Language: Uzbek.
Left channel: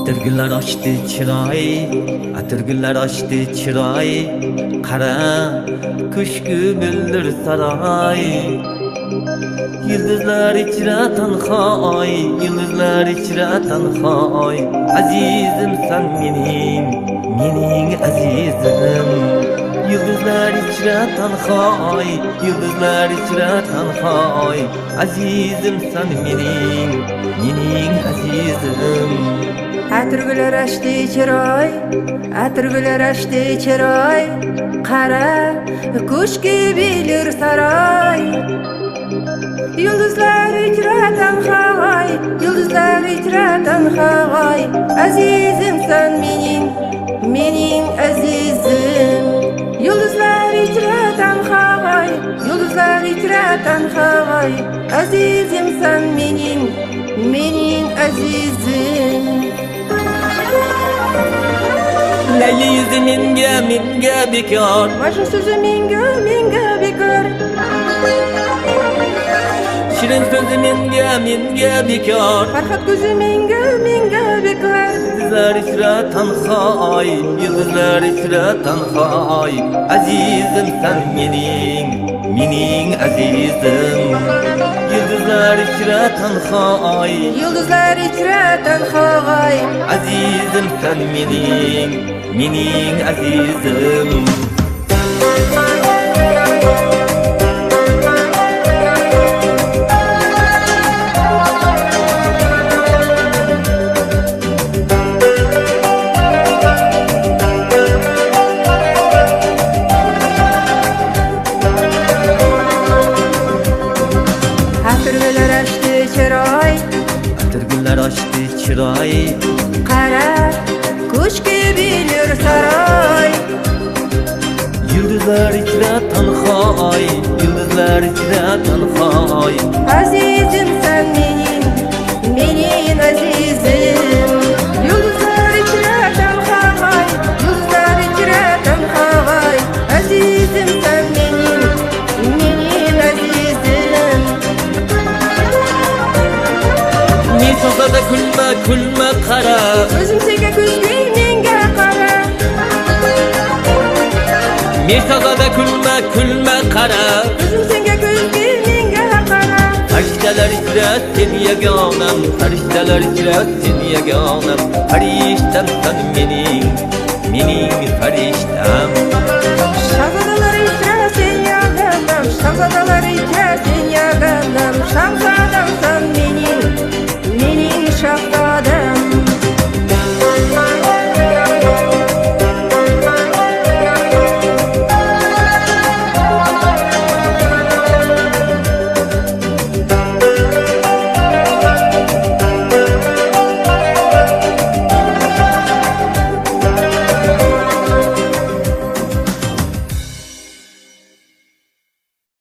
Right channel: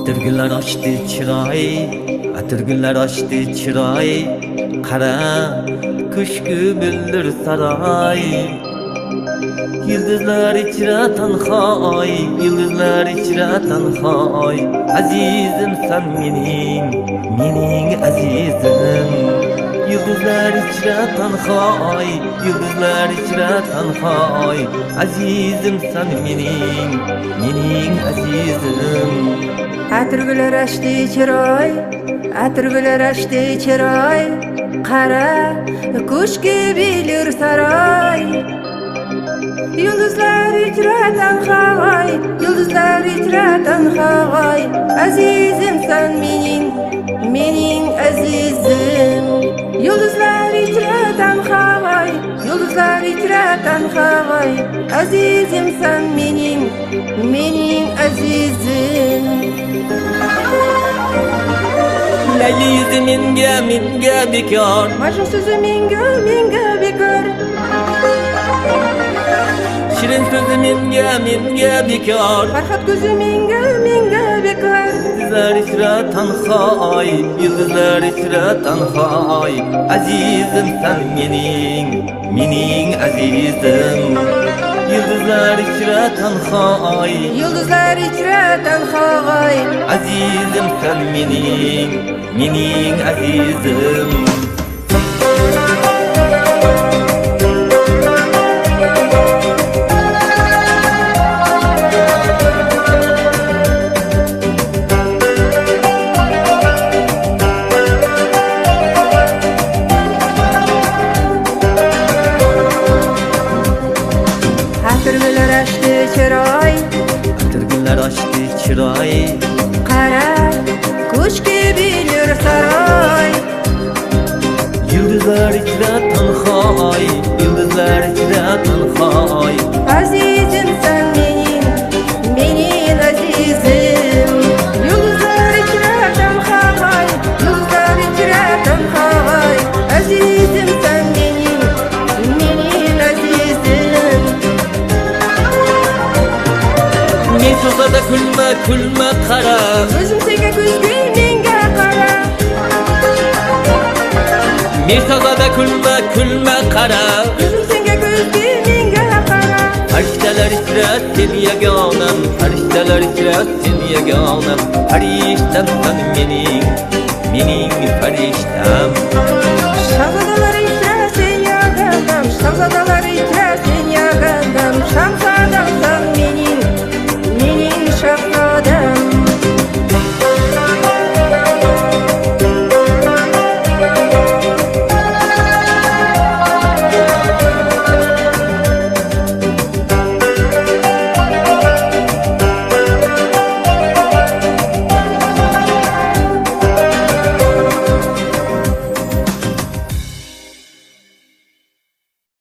Atırgılar açtı çıray, atırgılar açtı çıray. Kara kış gümbüldür saray. Yıldızlar içre tanhay, yıldızlar içre tanhay. Azizim sen mening azizim. Yıldızlar içre tanhay, yıldızlar içre tanhay. Azizim sen mening azizim. Atırgılar açtı çıray, atırgılar açtı çıray. Kara kuş gibidir saray. Yıldızlar içre tanhay, yıldızlar içre tanhay. Azizim sen mening azizim. Yıldızlar içre tanhay, yıldızlar içre tanhay. Azizim sen mening azizim. Leyli yüzü minge bekar, Majnun sözü minge bekar. Şirin sözü minge bekar. Farhat gözü minge bekar. Yıldızlar içre tanhay, yıldızlar içre tanhay. Azizim sen mening azizim. Yıldızlar içre tanhay, Yıldızlar içre tanhay. azizim sen mening azizim. Atırgılar açtı çıray, Atırgılar açtı çıray. Kara kuş gibidir saray. Yıldızlar içre tanhay, yıldızlar içre tanhay. Azizim sen mening azizim. Yıldızlar içre tanhay, yıldızlar içre tanhay. Azizim sen mening azizim. Ne sosa da kulma kara. Gözüm senge göz gülmenge kara. Ne sosa da kulma kara. Gözüm senge göz gülmenge kara. Farişteler içre seni yaganam, farişteler içre seni yaganam. Fariştem sen mening fariştem. Şahzadalar içre sen yaganam, şahzadalar içre sen yaganam. Şahzadam sen mening şahzadam.